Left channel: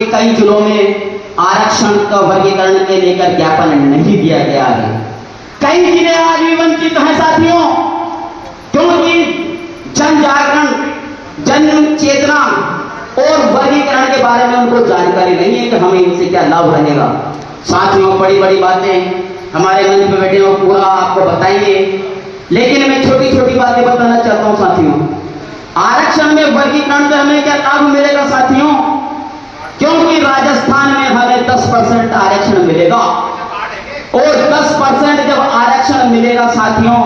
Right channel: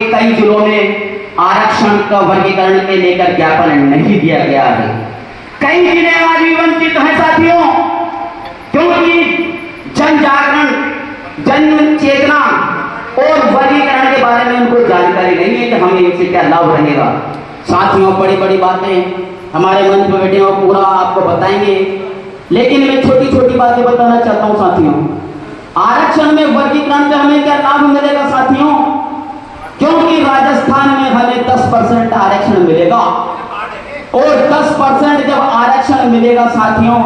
कई जिलों में आरक्षण का वर्गीकरण के लेकर ज्ञापन नहीं दिया गया है। कई जिले आज भी वंचित हैं साथियों, क्योंकि जन जागरण, जन चेतना और वर्गीकरण के बारे में उनको जानकारी नहीं है कि हमें इनसे क्या लाभ रहेगा। साथियों, बड़ी बड़ी बातें हमारे मंच पर बैठे हो पूरा आपको बताएंगे, लेकिन मैं छोटी छोटी बातें बताना चाहता हूं साथियों। आरक्षण में वर्गीकरण से हमें क्या लाभ मिलेगा साथियों? क्योंकि राजस्थान में हमें 10% आरक्षण मिलेगा, और 10% जब आरक्षण मिलेगा साथियों,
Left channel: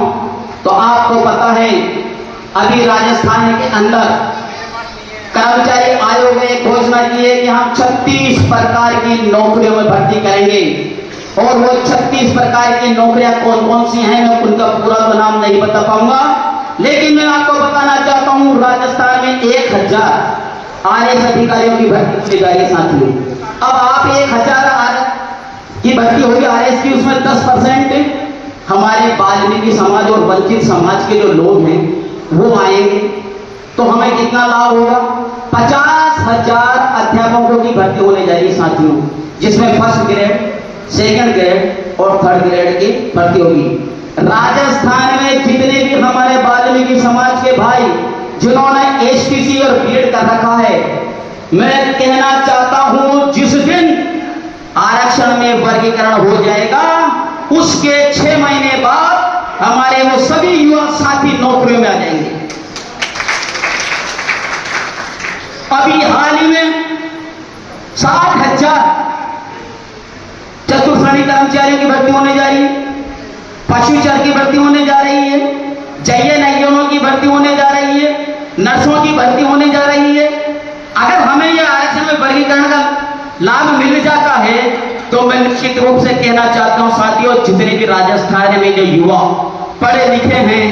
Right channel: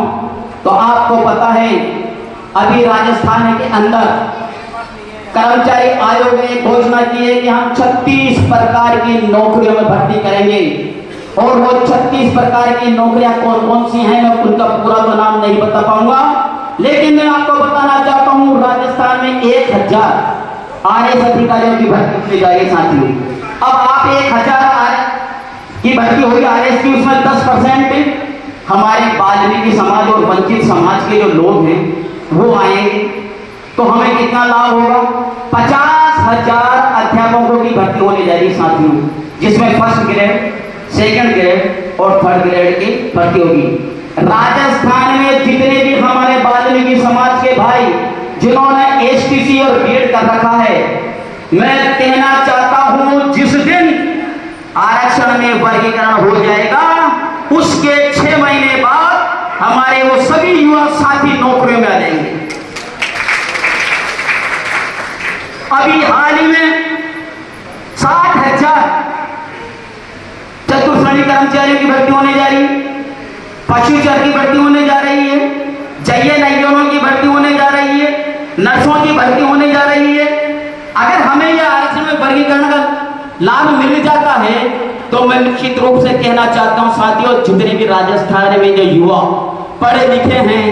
तो आपको पता है अभी राजस्थान के अंदर कर्मचारी आयोग ने घोषणा की है कि हम 36 प्रकार की नौकरियों में भर्ती करेंगे। और वो 36 प्रकार की नौकरियां कौन कौन सी हैं, मैं उनका पूरा तो नाम नहीं बता पाऊंगा, लेकिन मैं आपको बताना चाहता हूं राजस्थान में 1000 आरएस अधिकारियों की भर्ती होने जा रही है साथियों। अब आप 1000 की भर्ती होगी आरएस की, उसमें 10% हमारे वाल्मीकि समाज और वंचित समाज के जो लोग हैं वो आएंगे, तो हमें कितना लाभ होगा? 50,000 अध्यापकों की भर्ती होने जा रही है साथियों, जिसमें फर्स्ट ग्रेड, सेकंड ग्रेड और थर्ड ग्रेड की भर्ती होगी। राजस्थान में जितने भी हमारे वाल्मीकि समाज के भाई जिन्होंने एसपीसी और बीएड कर रखा है, मैं कहना चाहता हूं जिस दिन आरक्षण में वर्गीकरण हो जाएगा उसके 6 महीने बाद हमारे वो सभी युवा साथी नौकरियों में आ जाएंगे। अभी हाल ही में 60,000 चतुर्थानी कर्मचारियों की भर्ती होने जा रही है, पशुचर की भर्ती होने जा रही है, जय नयनों की भर्ती होने जा रही है, नर्सों की भर्ती होने जा रही है। अगर हमें यह आरक्षण में वर्गीकरण का लाभ मिल जाता है तो मैं निश्चित रूप से कहना चाहता हूं साथियों, जितने भी राजस्थान में जो युवा पढ़े लिखे हैं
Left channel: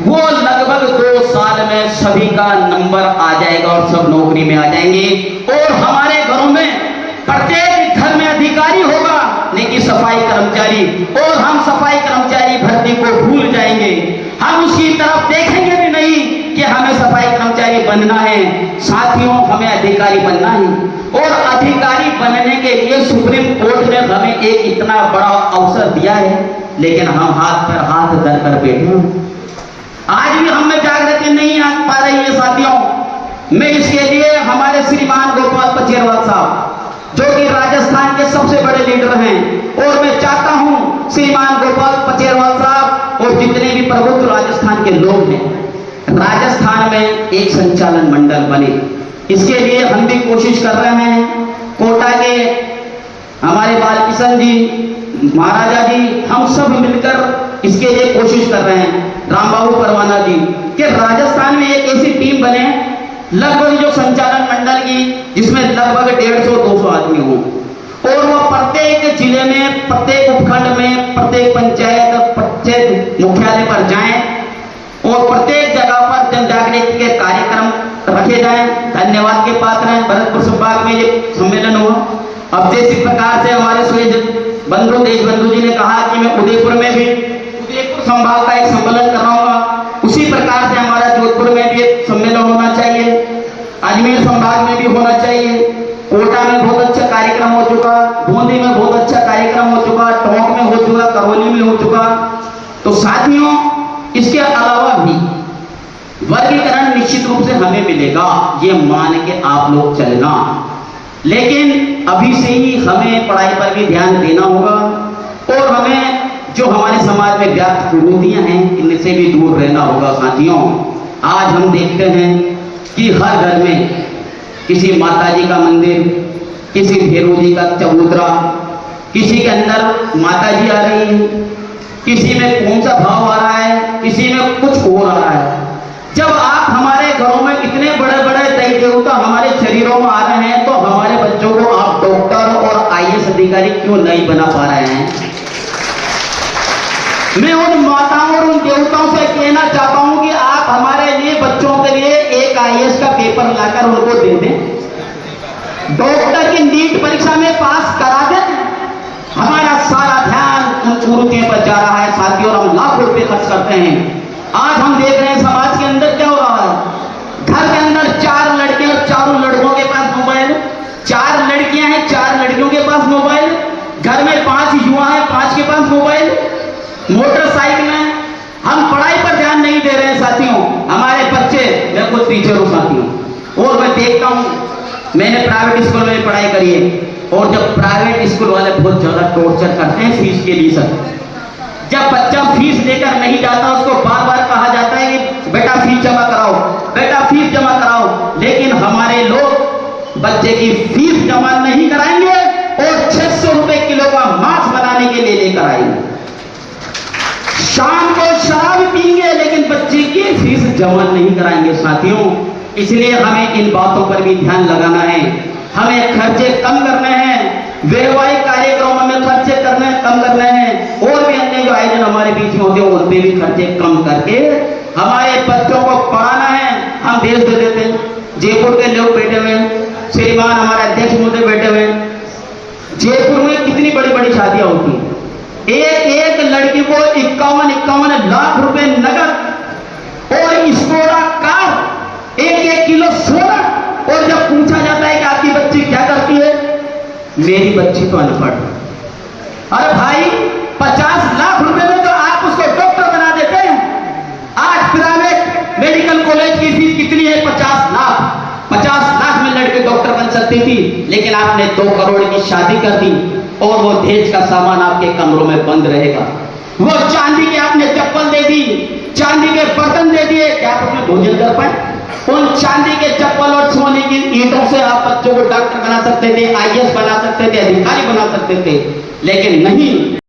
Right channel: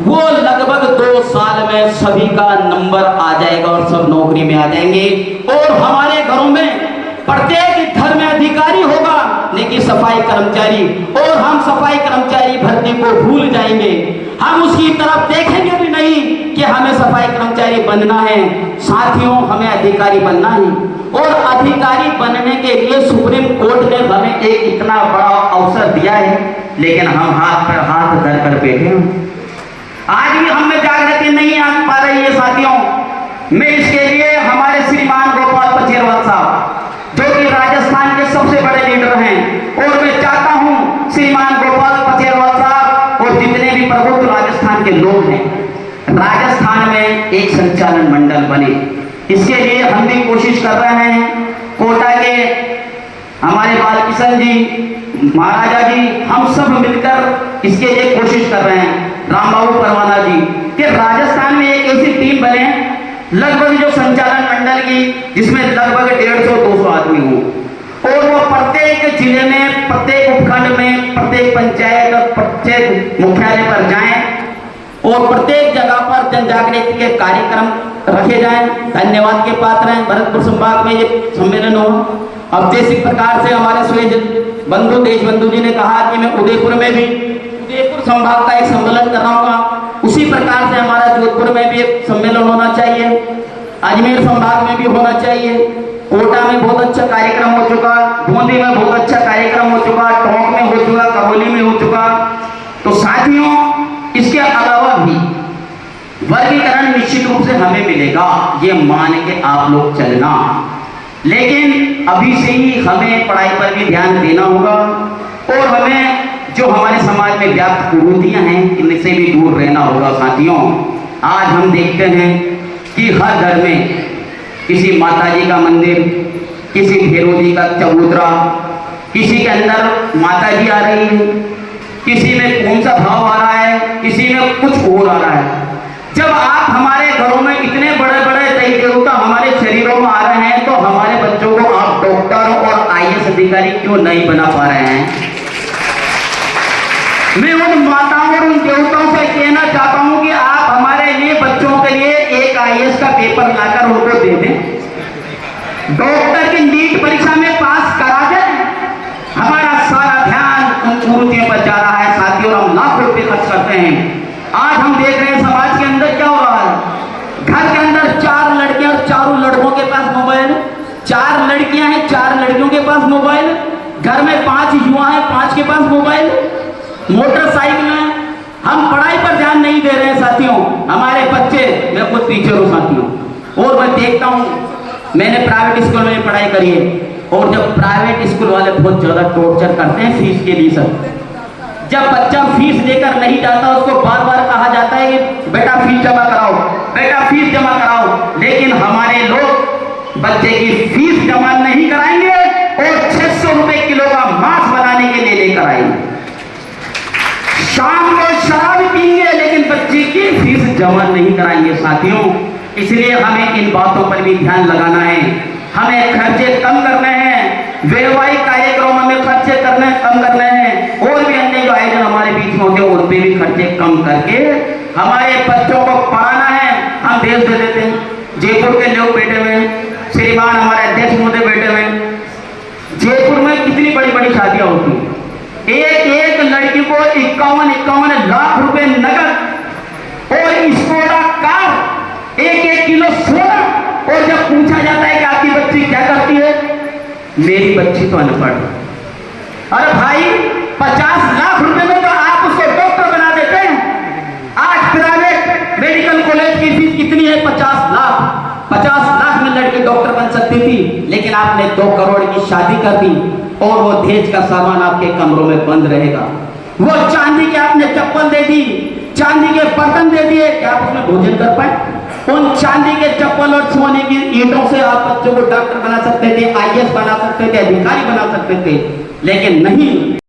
वो लगभग 2 साल में सभी का नंबर आ जाएगा और सब नौकरी में आ जाएंगे। और हमारे घरों में प्रत्येक घर में अधिकारी होगा, लेकिन सफाई कर्मचारी, और हम सफाई कर्मचारी भर्ती को भूल जाएंगे। हम उसकी तरफ देखेंगे भी नहीं कि हमें सफाई कर्मचारी बनना है साथियों, हमें अधिकारी बनना है। और अधिकारी बनने के लिए सुप्रीम कोर्ट ने हमें एक इतना बड़ा अवसर दिया है, लेकिन हम हाथ पर हाथ धर कर बैठे हैं। आज भी हम में जागृति नहीं आ पा रही है साथियों। मैं इसके लिए हमारे श्रीमान गोपाल पचेरवाल साहब, जो कि राजस्थान के सबसे बड़े लीडर हैं, और मैं चाहता हूं श्रीमान गोपाल पचेरवाल साहब और जितने भी प्रबुद्ध राजस्थान के लोग हैं, राजस्थान में एक संचालन मंडल बने। इसके लिए हम भी कोशिश कर रहे हैं। कोटा के हमारे बालकिशन जी, महाराजा जी, हम सब मिलकर इसके लिए कोशिश कर रहे हैं, रामबाबू परवाना जी, कि राजस्थान में एक ऐसी टीम बने लगभग जो संचालन मंडल की, जिसमें लगभग 150-200 आदमी हो, और वो प्रत्येक जिले में, प्रत्येक उपखंड में, प्रत्येक पंचायत, प्रत्येक मुख्यालय पर जाएं और प्रत्येक जगह पर जन जागृति के कार्यक्रम रखे जाएं। धन्यवाद के पात्र हैं भरतपुर संभाग में ये सम्मेलन हुआ। अब जिस प्रकार से हमारे सूर्य बंधु देश बंधु जी ने कहा कि मैं उदयपुर में भी उदयपुर संभाग का एक सम्मेलन कराऊंगा, उसी प्रकार से हमारा जोधपुर में भी एक सम्मेलन होना चाहिए, अजमेर संभाग में भी होना चाहिए। कोटा में बहुत अच्छा कार्यक्रम हो चुका, बूंदी में बहुत अच्छा कार्यक्रम हो चुका, टोंक में हो चुका, करौली में हो चुका। तो साथियों, इसके अलावा भी वर्गीकरण निश्चित रूप से हमें मिलेगा, ये मान के आप लोग चलना, लेकिन अभी से ही हमें पढ़ाई पर भी ध्यान देना होगा, और हमें जो हमारे समाज में व्याप्त कुरीतियां हैं इनसे भी दूर रहना होगा साथियों। आज हम देखते हैं कि हर घर में किसी माताजी का मंदिर, किसी भैरव जी का चबूतरा, किसी के अंदर माताजी आ रही है, किसी में कौन सा भाव आ रहा है, किसी में कुछ और आ रहा है। जब आप हमारे घरों में इतने बड़े बड़े देवी देवता हमारे शरीरों में आ रहे हैं, तो हमारे बच्चों को आप डॉक्टर और आईएएस अधिकारी क्यों नहीं बना पा रहे हैं? मैं उन माताओं और उन देवताओं से कहना चाहता हूं कि आप हमारे लिए, बच्चों के लिए एक आईएएस का पेपर लाकर उनको दे दें, डॉक्टर की नीट परीक्षा में पास करा दें। हमारा सारा ध्यान उन कुरीतियों पर जा रहा है साथियों, हम लाखों रुपए खर्च करते हैं। आज हम देख रहे हैं समाज के अंदर क्या हो रहा है। घर के अंदर 4 लड़के और 4 लड़कों के पास मोबाइल, 4 लड़के लड़कियां हैं, 4 लड़कियों के पास मोबाइल, घर में 5 युवा हैं, 5 के पास मोबाइल, मोटरसाइकिल है। हम पढ़ाई पर ध्यान नहीं दे रहे हैं साथियों। हमारे बच्चे, मैं खुद टीचर हूँ साथियों, और मैं देखता हूँ, मैंने प्राइवेट स्कूल में पढ़ाई करी है, और जब प्राइवेट स्कूल वाले बहुत ज्यादा टॉर्चर करते हैं फीस के लिए सर। जब बच्चा फीस लेकर नहीं जाता, उसको बार बार कहा जाता है कि बेटा फीस जमा कराओ, बेटा फीस जमा कराओ, लेकिन हमारे लोग बच्चे की फीस जमा नहीं कराएंगे और 600 रुपए किलो का मांस बनाने के लिए लेकर आएंगे। शाम को शराब पीएंगे, लेकिन बच्चे की फीस जमा नहीं कराएंगे साथियों। इसलिए हमें इन बातों पर भी ध्यान लगाना है। हमें खर्चे कम करने हैं, वैवाहिक कार्यक्रमों में खर्चे कम करने हैं, और भी अन्य जो आयोजन हमारे बीच में होते हैं उन पे भी खर्चे कम करके हमारे बच्चों को पढ़ाना है। हम देश दे देते हैं, जयपुर के लोग बैठे हुए, श्रीमान हमारे अध्यक्ष महोदय बैठे हुए, जयपुर में कितनी बड़ी बड़ी शादियां होती हैं, एक लड़की को 51 लाख रुपए नगद और स्कोडा कार, 1 किलो सोना, और जब पूछा जाता है कि आपकी बच्ची क्या करती है, मेरी बच्ची तो अनपढ़। अरे भाई 50 लाख रुपए में तो आप उसको डॉक्टर बना देते हैं। आज प्राइवेट मेडिकल कॉलेज की फीस कितनी है? 50 लाख। 50 लाख में लड़की डॉक्टर बन सकती थी, लेकिन आपने 2 करोड़ की शादी कर दी, और वो दहेज का सामान आपके कमरों में बंद रहेगा। वो चांदी के आपने चप्पल दे दी, चांदी के बर्तन दे दिए, क्या आप उसमें भोजन कर पाए? उन चांदी के चप्पल और सोने की ईंटों से आप बच्चों को डॉक्टर बना सकते थे, IAS बना सकते थे, अधिकारी बना सकते थे, लेकिन नहीं।